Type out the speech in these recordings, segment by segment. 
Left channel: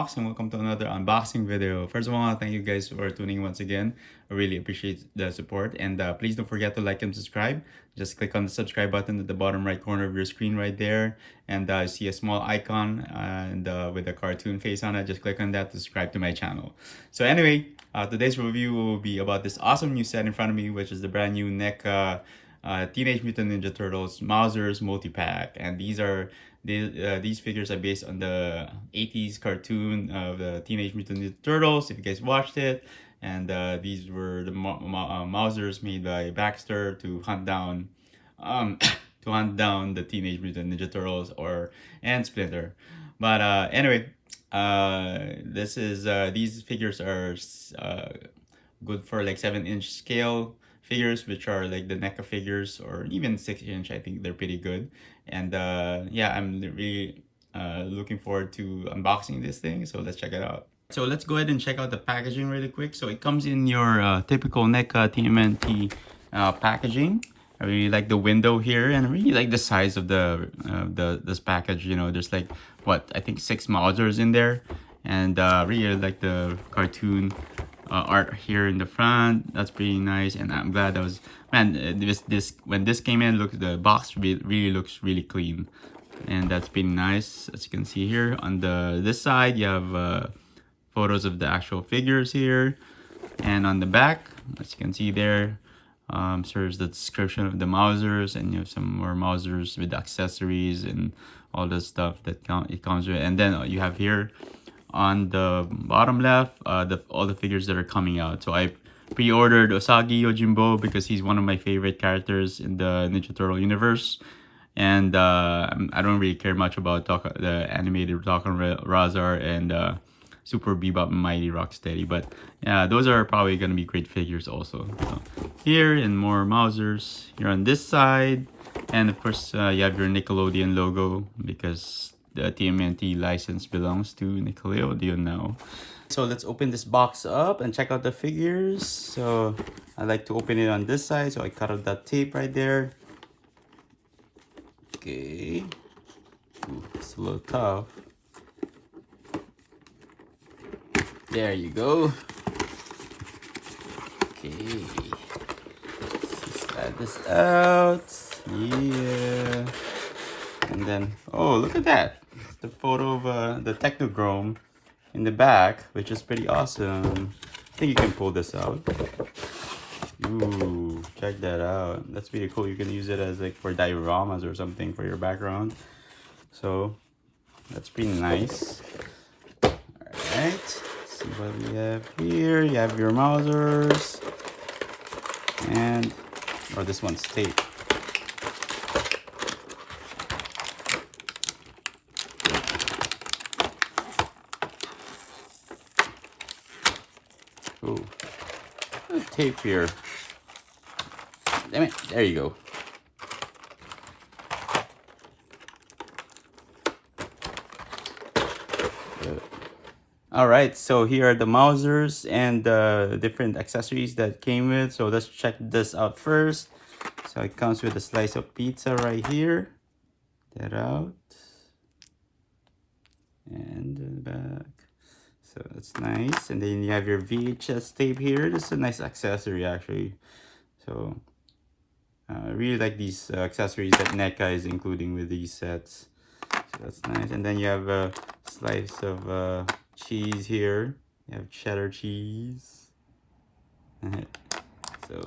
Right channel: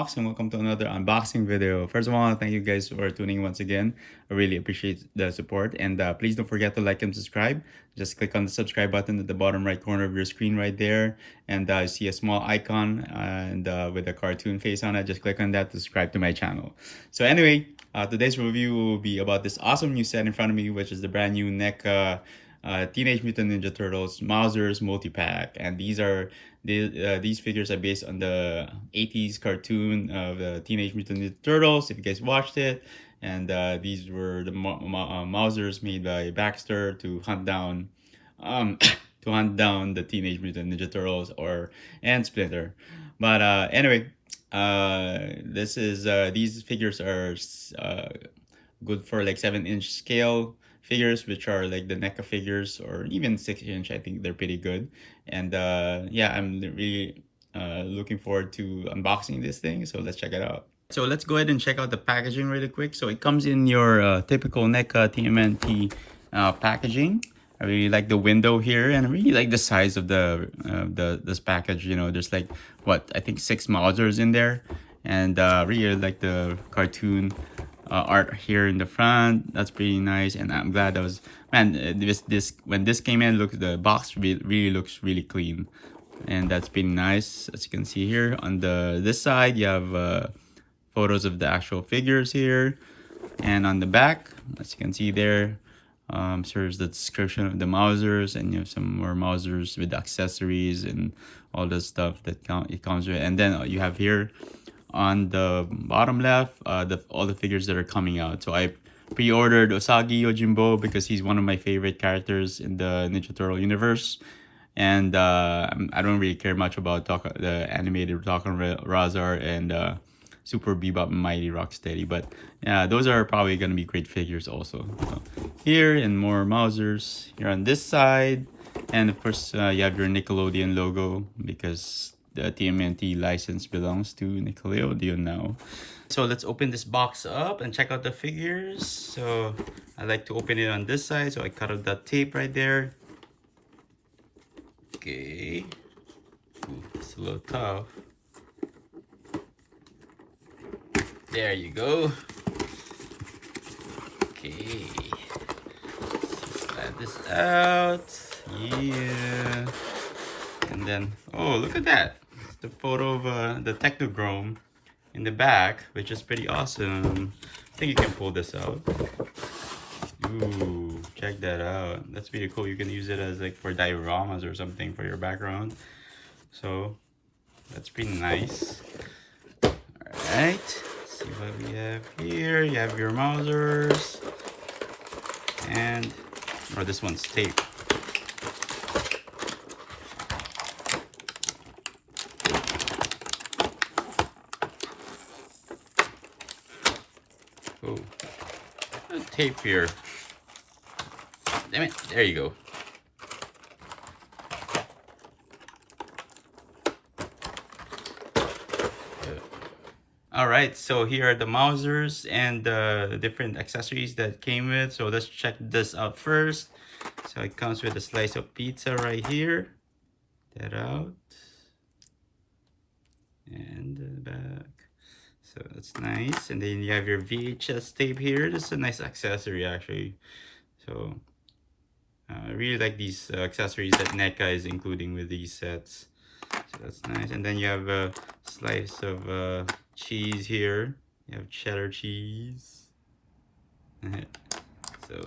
Box, and welcome to another unboxing video. First of all, thank you guys for tuning in once again. I really appreciate the support, and please don't forget to like and subscribe. Just click on the subscribe button at the bottom right corner of your screen right there, and you see a small icon and with a cartoon face on it. Just click on that to subscribe to my channel. So anyway, today's review will be about this awesome new set in front of me, which is the brand new NECA Teenage Mutant Ninja Turtles Mausers multi-pack, and these figures are based on the 80s cartoon of the Teenage Mutant Ninja Turtles, if you guys watched it. And these were the Mausers made by Baxter to hunt down to hunt down the Teenage Mutant Ninja Turtles and Splinter. But anyway, this is these figures are good for like 7-inch scale figures, which are like the NECA figures, or even 6-inch. I think they're pretty good. And yeah, I'm really looking forward to unboxing this thing. So let's check it out. So let's go ahead and check out the packaging really quick. So it comes in your typical NECA TMNT packaging. I really like the window here, and I really like the size of this package. You know, there's like what I think 6 Mausers in there, and really like the cartoon art here in the front. That's pretty nice, and I'm glad that was, man, this when this came in, look, the box really looks really clean, and that's pretty nice. As you can see here on this side, you have photos of the actual figures here, and on the back, as you can see there, there's the description of the Mausers, and you have some more Mausers with accessories and all the stuff that it comes with. And then you have here on the bottom left all the figures that are coming out. So I pre-ordered Usagi Yojimbo because he's one of my favorite characters in the Ninja Turtle universe, and I don't really care much about the animated Talking Razar and Super Bebop and Mighty Rocksteady, but yeah, those are probably gonna be great figures also. So here, and more Mausers here on this side, and of course you have your Nickelodeon logo because the TMNT license belongs to Nickelodeon now. So let's open this box up and check out the figures. So I like to open it on this side, so I cut out that tape right there. Okay. Ooh, it's a little tough. There you go. Okay. Let's slide this out. Yeah. And then, oh, look at that. It's the photo of the Technodrome in the back, which is pretty awesome. I think you can pull this out. Ooh, check that out. That's pretty cool. You can use it as like for dioramas or something for your background. So that's pretty nice. All right. See what we have here. You have your Mausers, and this one's tape. Ooh, there's tape here. Damn it! There you go. Alright, so here are the Mausers and the different accessories that came with. So let's check this out first. So it comes with a slice of pizza right here. That out. And the back. So that's nice. And then you have your VHS tape here. This is a nice accessory actually. So I really like these accessories that NECA is including with these sets. So that's nice. And then you have a slice of cheese here. You have cheddar cheese. So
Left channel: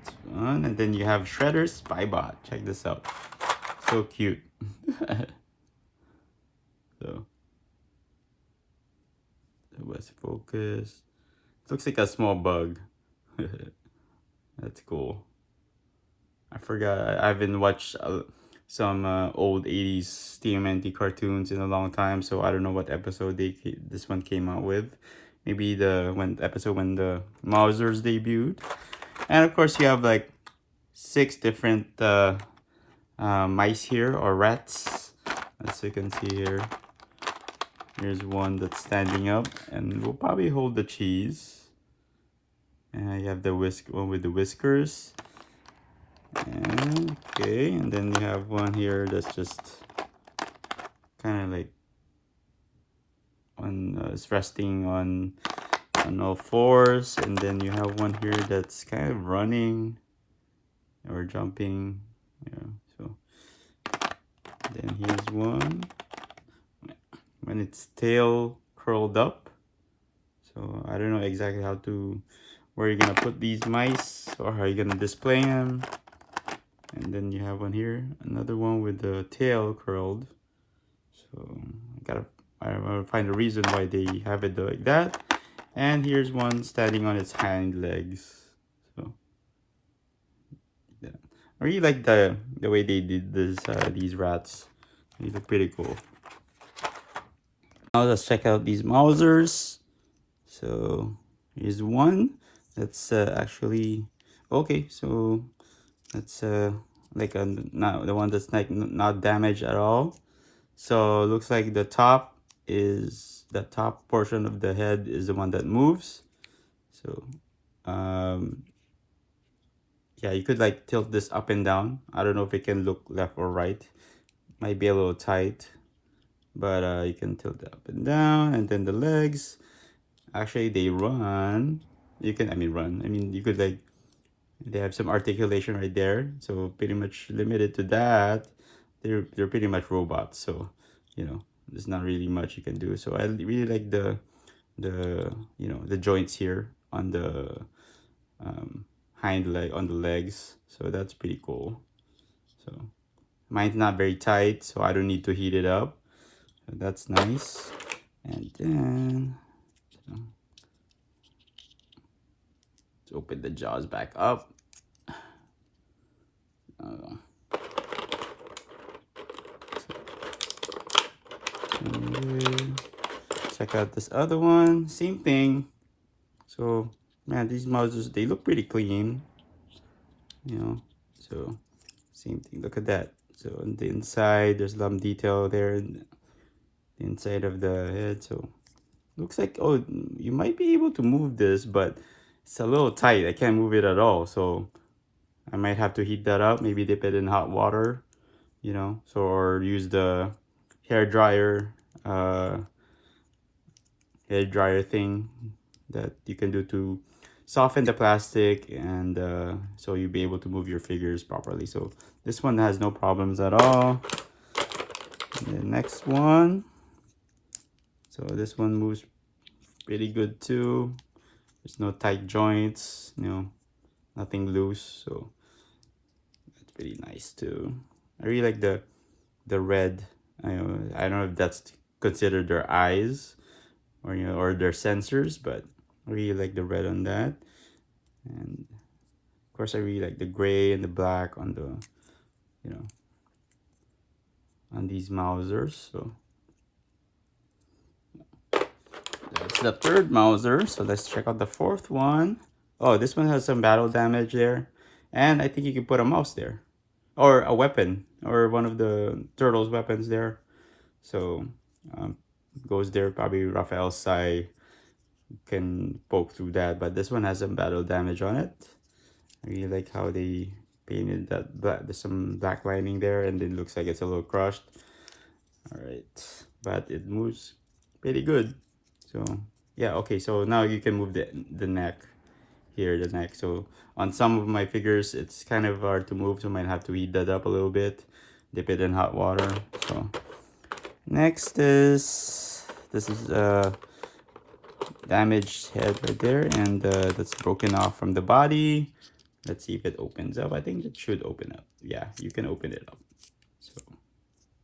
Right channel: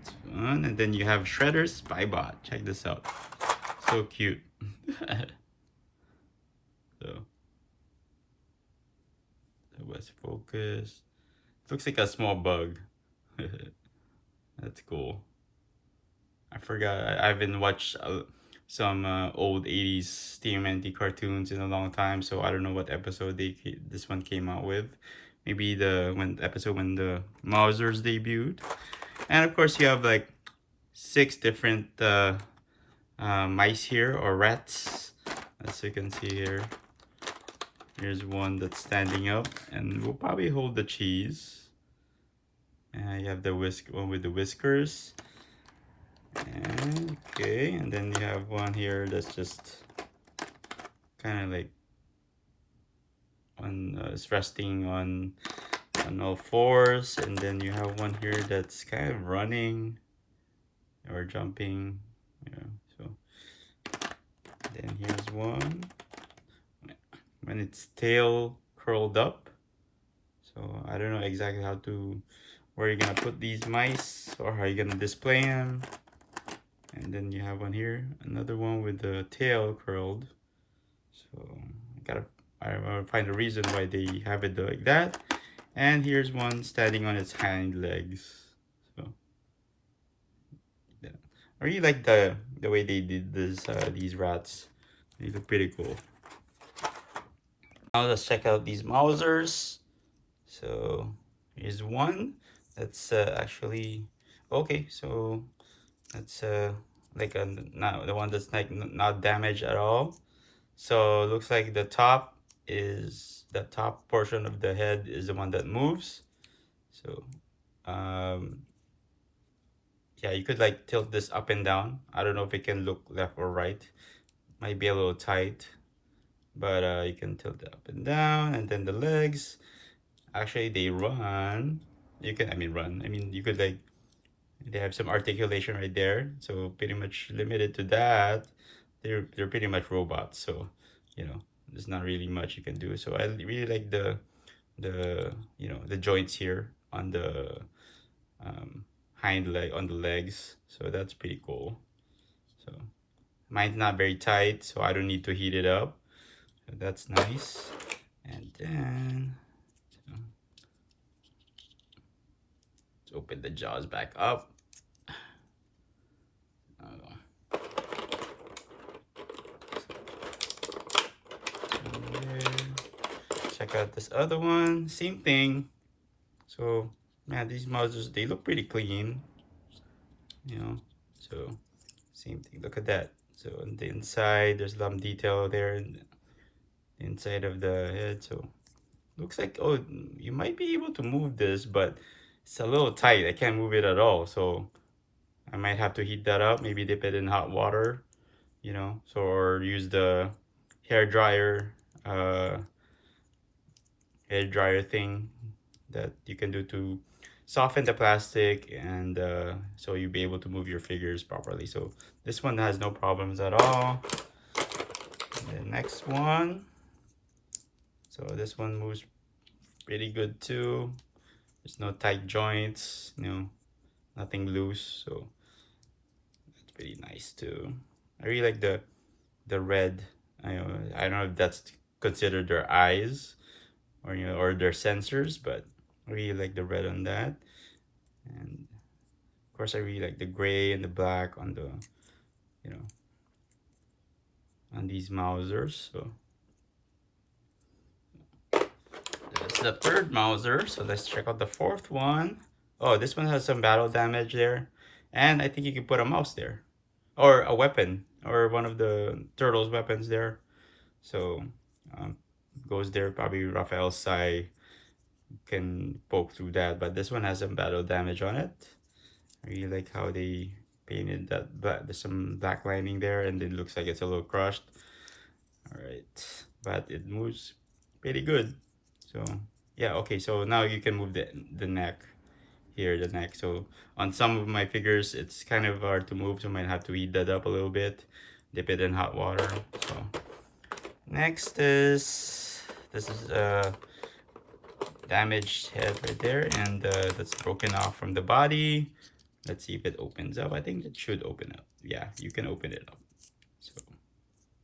it's fun. And then you have Shredder's Spybot. Check this out. So cute. So it was focused. Looks like a small bug. That's cool. I forgot. I haven't watched some old 80s TMNT cartoons in a long time, so I don't know what episode this one came out with. Maybe the episode when the Mausers debuted. And of course you have like 6 different mice here, or rats, as you can see here. Here's one that's standing up, and we'll probably hold the cheese. And you have the one with the whiskers. And, okay, and then you have one here that's just kind of like it's resting on all fours, and then you have one here that's kind of running or jumping. Yeah, so then here's one when its tail curled up. So I don't know exactly where you're gonna put these mice or how you're gonna display them. And then you have one here, another one with the tail curled. So I gotta find a reason why they have it like that. And here's one standing on its hind legs. So yeah, I really like the way they did this these rats. They look pretty cool. Now let's check out these Mausers. So here's one that's actually okay. So that's like not the one that's like not damaged at all. So it looks like the top portion of the head is the one that moves. So yeah, you could like tilt this up and down. I don't know if it can look left or right. Might be a little tight, but you can tilt it up and down. And then the legs, actually they run. You can, run. You could like, they have some articulation right there. So pretty much limited to that. They're pretty much robots. So, there's not really much you can do. So I really like the joints here on the hind leg, on the legs. So that's pretty cool. So mine's not very tight, so I don't need to heat it up. So that's nice. And then let's open the jaws back up. Check out this other one, same thing. So man, these Mausers, they look pretty clean, so same thing. Look at that. So on the inside there's some detail there in the inside of the head. So looks like, oh, you might be able to move this, but it's a little tight. I can't move it at all, so I might have to heat that up, maybe dip it in hot water, so, or use the hair dryer thing that you can do to soften the plastic, and so you'll be able to move your figures properly. So this one has no problems at all. And the next one, so this one moves pretty good too. There's no tight joints, nothing loose, so that's pretty nice too. I really like the red. I don't know if that's considered their eyes or or their sensors, but I really like the red on that. And of course I really like the gray and the black on the on these Mausers. So that's the third Mauser. So let's check out the fourth one. Oh, this one has some battle damage there, and I think you can put a mouse there, or a weapon, or one of the turtle's weapons there. So goes there. Probably Raphael's Sai can poke through that, but this one has some battle damage on it. I really like how they painted that black. There's some black lining there, and it looks like it's a little crushed. All right, but it moves pretty good. So yeah, okay, so now you can move the neck here, the neck. So on some of my figures it's kind of hard to move, so I might have to heat that up a little bit, dip it in hot water. So next is this is damaged head right there, and that's broken off from the body. Let's see if it opens up. I think it should open up. Yeah, you can open it up. So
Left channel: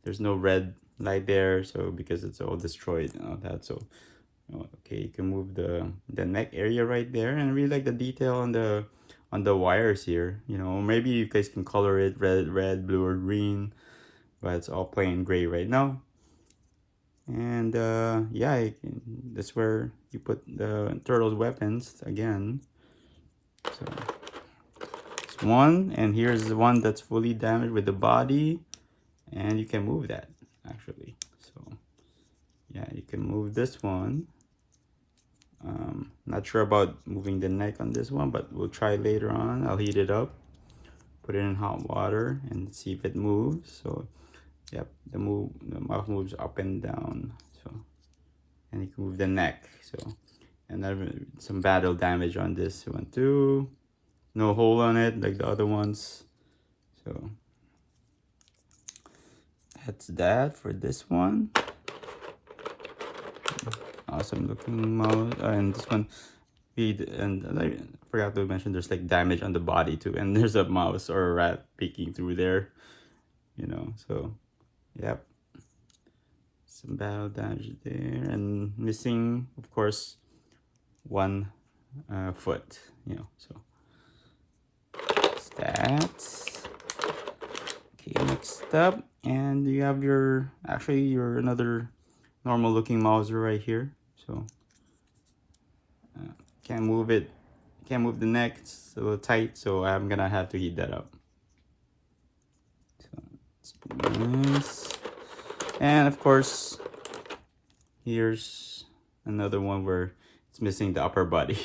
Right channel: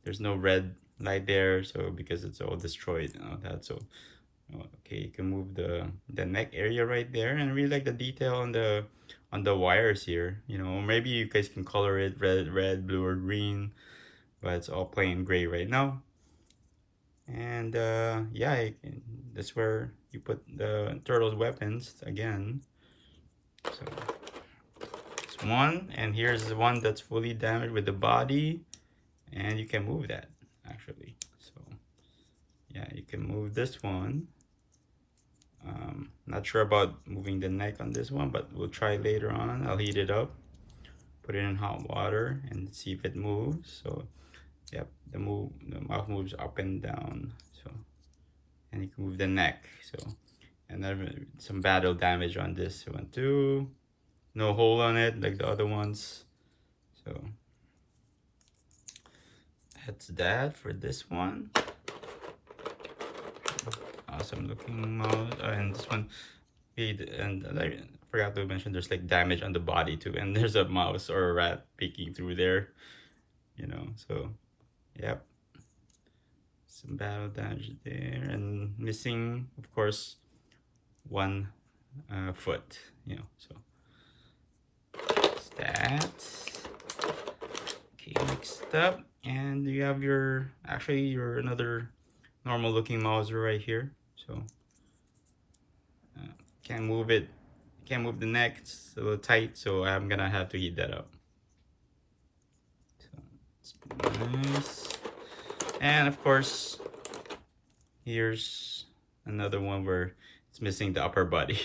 there's no red light there, so because it's all destroyed and all that. So okay, you can move the neck area right there, and I really like the detail on the wires here. Maybe you guys can color it red, blue, or green, but it's all plain gray right now. And yeah, that's where you put the turtle's weapons again. So it's one, and here's the one that's fully damaged with the body, and you can move that actually. So yeah, you can move this one. Not sure about moving the neck on this one, but we'll try later on. I'll heat it up, put it in hot water, and see if it moves. So yep, the mouth moves up and down. So and you can move the neck. So, and then some battle damage on this one too. No hole on it like the other ones. So that's that for this one. Awesome looking mouse. And this one, and I forgot to mention there's like damage on the body too, and there's a mouse or a rat peeking through there, you know. So yep, some battle damage there, and missing of course one foot, you know. So that's that. Okay, next up, and you have your another normal looking Mauser right here. So can't move it, can't move the neck, it's a little tight, so I'm gonna have to heat that up. So let's put this, and of course here's another one where it's missing the upper body.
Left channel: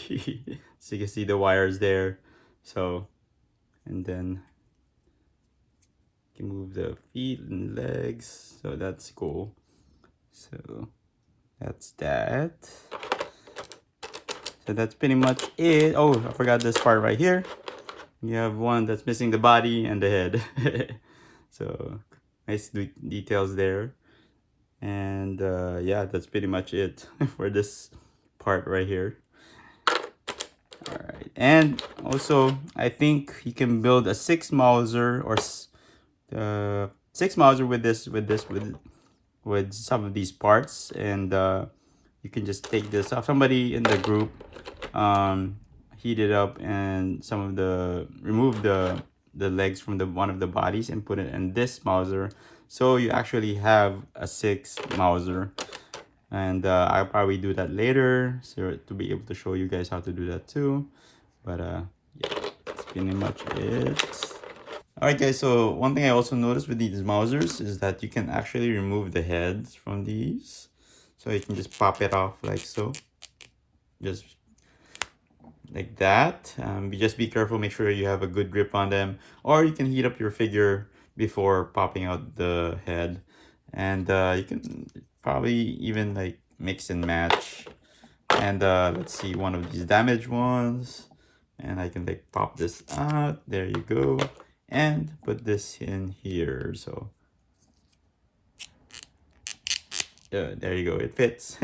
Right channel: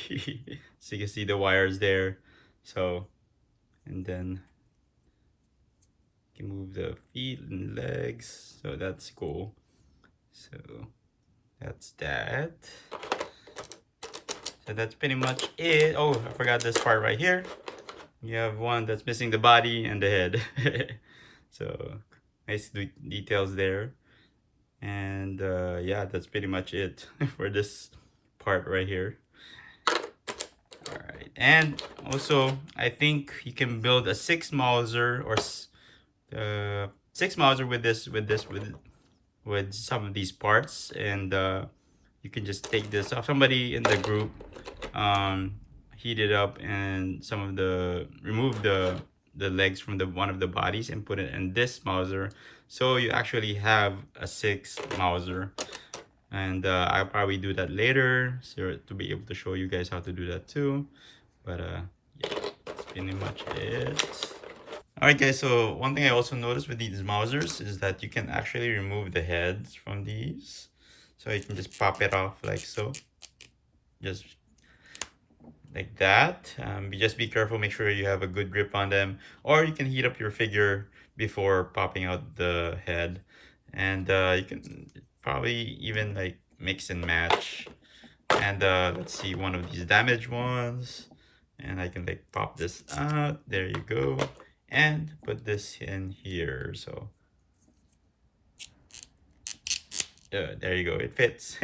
So you can see the wires there. So, and then you can move the feet and legs, so that's cool. So that's that. So that's pretty much it. Oh, I forgot this part right here. You have one that's missing the body and the head. So nice details there. And yeah, that's pretty much it for this part right here. All right, and also I think you can build a 6 Mauser or 6 Mauser with some of these parts, and you can just take this off. Somebody in the group heat it up and remove the legs from one of the bodies and put it in this Mauser, so you actually have a 6 Mauser. And I'll probably do that later, so to be able to show you guys how to do that too. But yeah, that's pretty much it. Alright guys, so one thing I also noticed with these Mausers is that you can actually remove the heads from these. So you can just pop it off like so. Just like that. Just be careful, make sure you have a good grip on them. Or you can heat up your figure before popping out the head. And you can probably even like mix and match. And let's see, one of these damaged ones. And I can like pop this out. There you go. And put this in here. So there you go, it fits.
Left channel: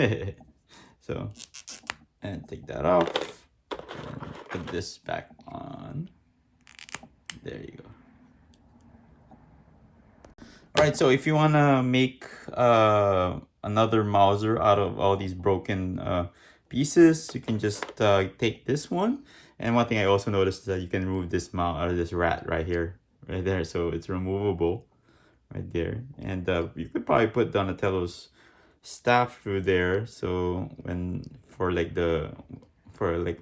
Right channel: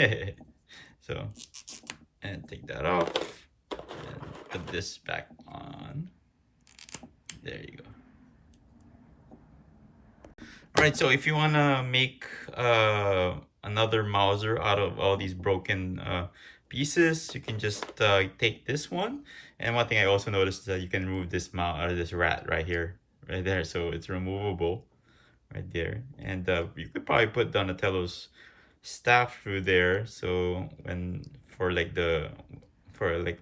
So, and take that off and put this back on. There you go. All right, so if you want to make another Mauser out of all these broken pieces, you can just take this one. And one thing I also noticed is that you can remove this this rat right here, right there. So it's removable right there. And you could probably put Donatello's staff through there, so for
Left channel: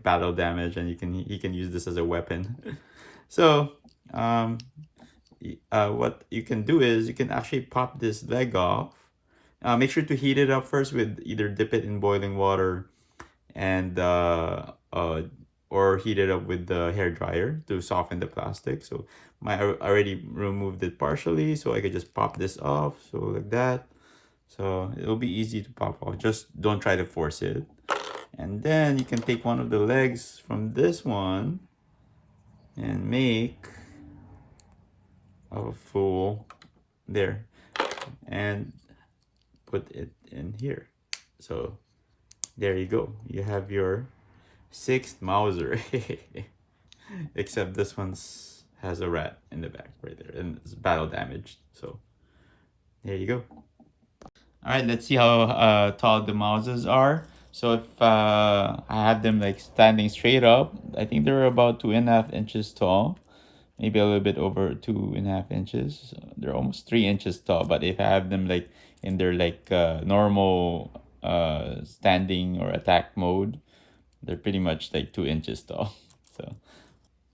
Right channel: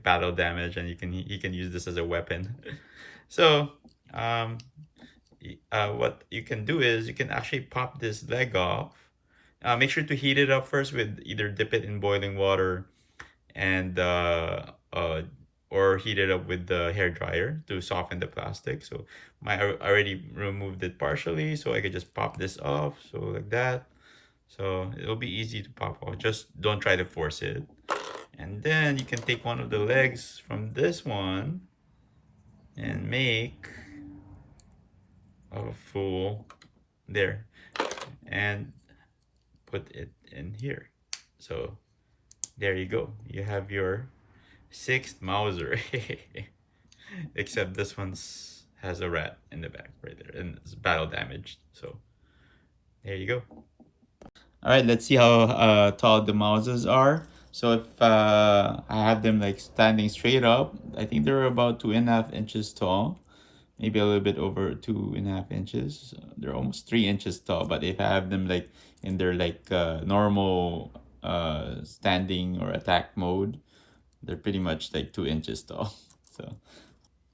battle damage, and he can use this as a weapon. So what you can do is you can actually pop this leg off. Make sure to heat it up first with either dip it in boiling water and or heat it up with the hair dryer to soften the plastic. So I already removed it partially, so I could just pop this off, so like that. So it'll be easy to pop off, just don't try to force it. And then you can take one of the legs from this one and make a full there and put it in here. So there you go, you have your 6th Mauser. Except this one's has a rat in the back right there and it's battle damaged. So there you go. All right, let's see how tall the Mausers are. So if I have them like standing straight up, I think they're about 2.5 inches tall, maybe a little bit over 2.5 inches. They're almost 3 inches tall. But if I have them like in their normal standing or attack mode, they're pretty much like 2 inches tall. So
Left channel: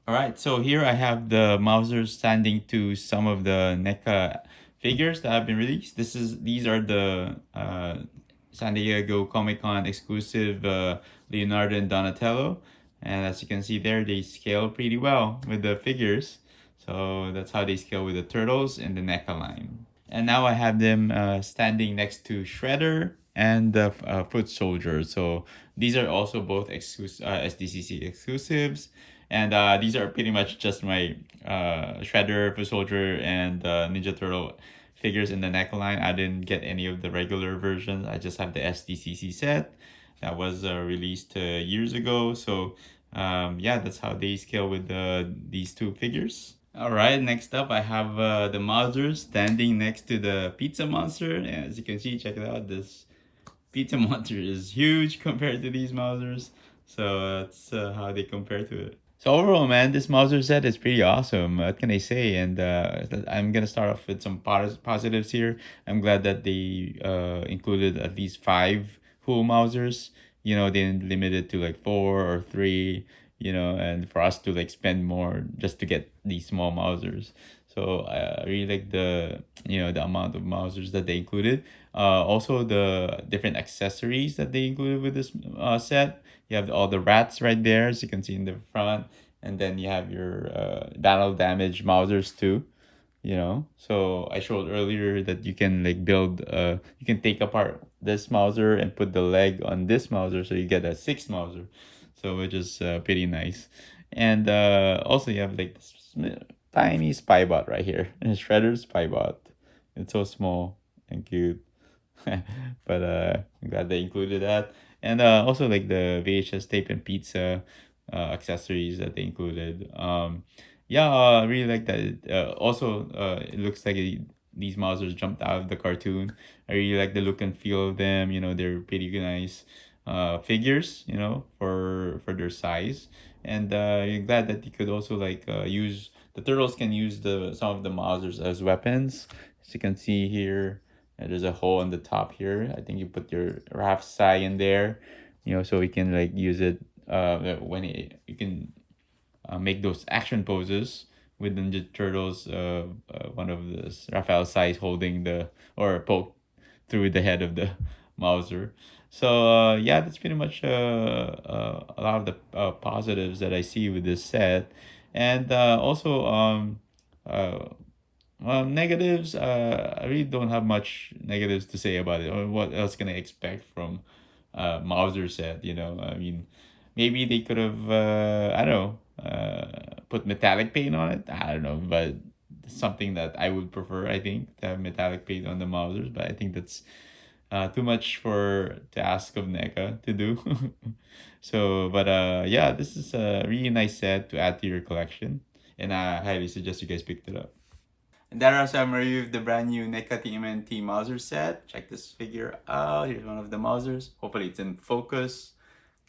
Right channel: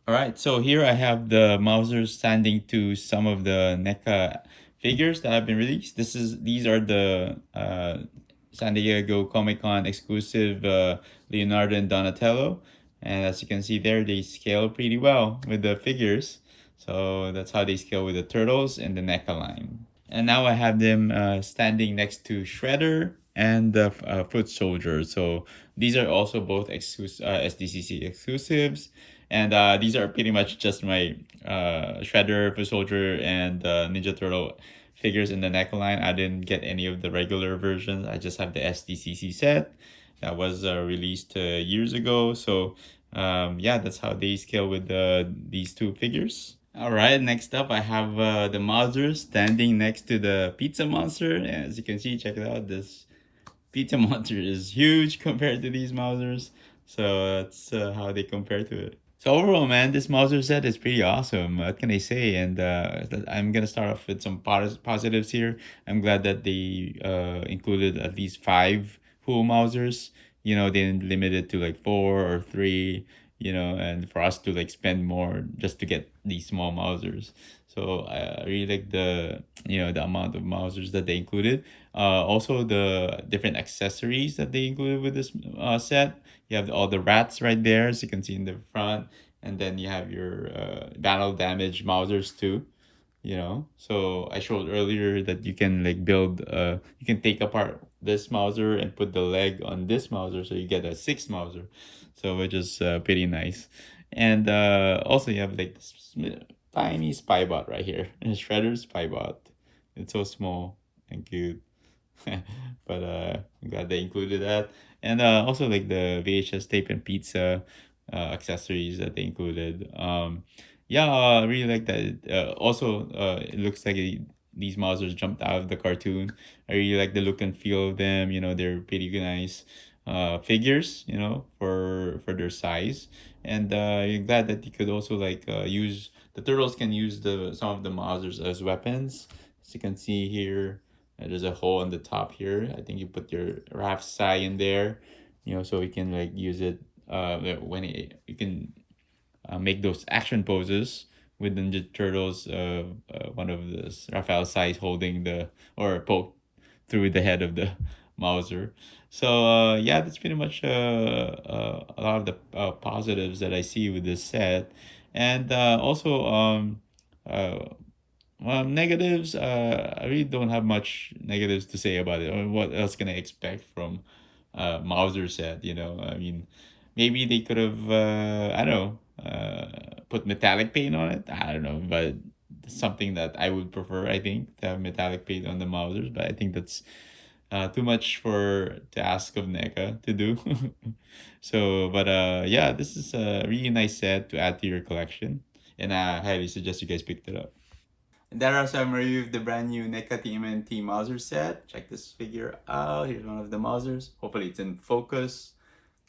all right, so here I have the Mausers standing to some of the NECA figures that have been released. These are the San Diego Comic-Con exclusive Leonardo and Donatello. And as you can see there, they scale pretty well with the figures. So that's how they scale with the turtles and the NECA line. And now I have them standing next to Shredder, and the Foot Soldier. So these are also both SDCC exclusives, and these are pretty much just my Shredder, Foot Soldier, and Ninja Turtle figures in the neckline. I didn't get any of the regular versions. I just have the SDCC set that was released years ago. So yeah, that's how they scale with these two figures. All right, next up I have the Mauser standing next to the Pizza Monster. As you can see, check it out. This Pizza Monster is huge compared to these Mausers. So that's how they compare to it. So overall, man, this Mauser set is pretty awesome. What can I say? And I'm gonna start off with some positives here. I'm glad that they included at least five full Mausers. You know, they didn't limit it to like four or three. You know, and for us to like spend more just to get these small Mausers. So I really like the amount of Mausers that they included. Also the different accessories that they included with this set. You have all the rats right there, as you can see in the front, and then you have your battle damage Mausers too. You know, so I showed earlier that you can like build. You can take apart this Mauser and put the leg on this Mauser, so you get a six Mauser. So which is pretty nice, and also you have like this tiny Spybot right here, Shredder Spybot. It's so small and cute. But I'm glad they included that. And also like the VHS tape and pizza accessories that they included. Yeah, I really like that. Also, it looks like these Mausers jumped out of the cartoon. I really like the look and feel of them. You know, they're pretty nice figures. You know, for their size, and I'm glad that you could also like use the turtles can use the some of the Mausers as weapons. As you can see here, and there's a hole on the top here. I think you put your Raph Sai in there, you know, so we can like use it you can make those action poses with Ninja Turtles. One of the Raphael Sai holding the or poke through the head of the Mauser. So yeah, that's pretty much a lot of the positives that I see with this set, and also uh, negatives. I really don't have much negatives to say about it. Or what else can I expect from Mauser set? You know, I mean, maybe they could have I don't know put metallic paint on it. I don't know, but something that I would prefer. I think to have metallic paint on the Mausers, but I think that's too much for to ask of NECA to do. So, but yeah, this is a really nice set to add to your collection, and I highly suggest you guys picked it up. And that are some review of the brand new NECA TMNT Mauser set. Check this figure out. Here's one of the Mausers. Hopefully it's in focus,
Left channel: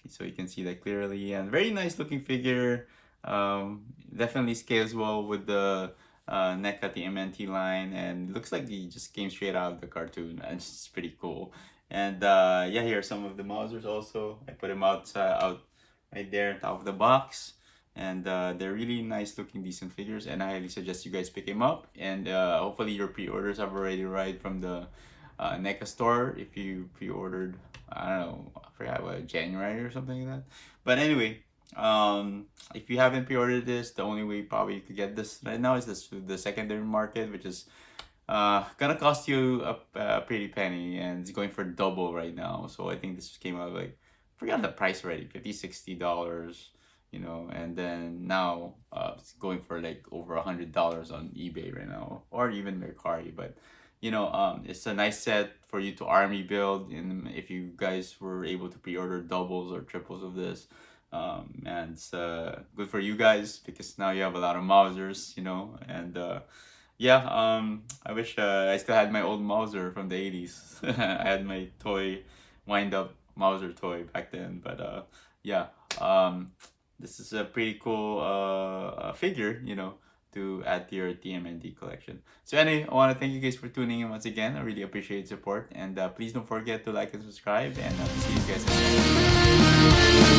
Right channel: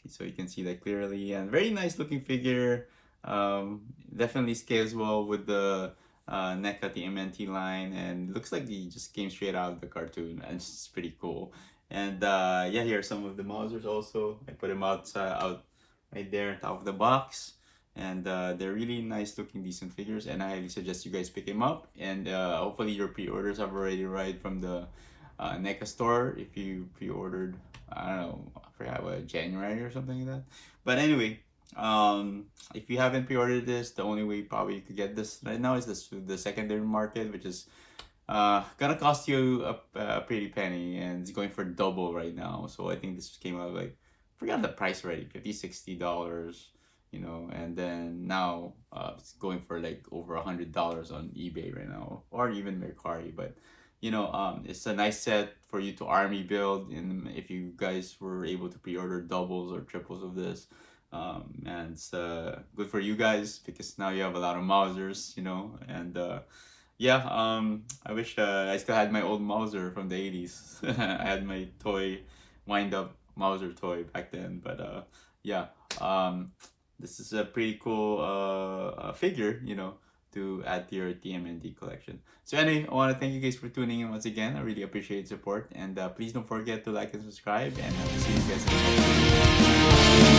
so you can see that clearly. And very nice looking figure. Definitely scales well with the NECA TMNT line, and looks like he just came straight out of the cartoon, and it's pretty cool. And yeah, here are some of the Mausers also. I put them out right there on top of the box, and they're really nice looking, decent figures, and I highly suggest you guys pick them up. And hopefully your pre-orders have already arrived from the NECA store if you pre-ordered, I don't know, I forgot what, January or something like that. But anyway, if you haven't pre-ordered this, the only way probably you could get this right now is this the secondary market, which is gonna cost you a pretty penny, and it's going for double right now. So I think this came out like, forgot the price already, $50-$60, you know, and then now it's going for like over $100 on eBay right now, or even Mercari. But you know, it's a nice set for you to army build, and if you guys were able to pre-order doubles or triples of this, and it's good for you guys because now you have a lot of Mausers, you know. And yeah, I wish I still had my old Mauser from the 80s. I had my toy wind up Mauser toy back then. But yeah, this is a pretty cool figure, you know, to add to your TMNT collection. So anyway, I want to thank you guys for tuning in once again. I really appreciate support, and please don't forget to like and subscribe, and see you guys in the next video.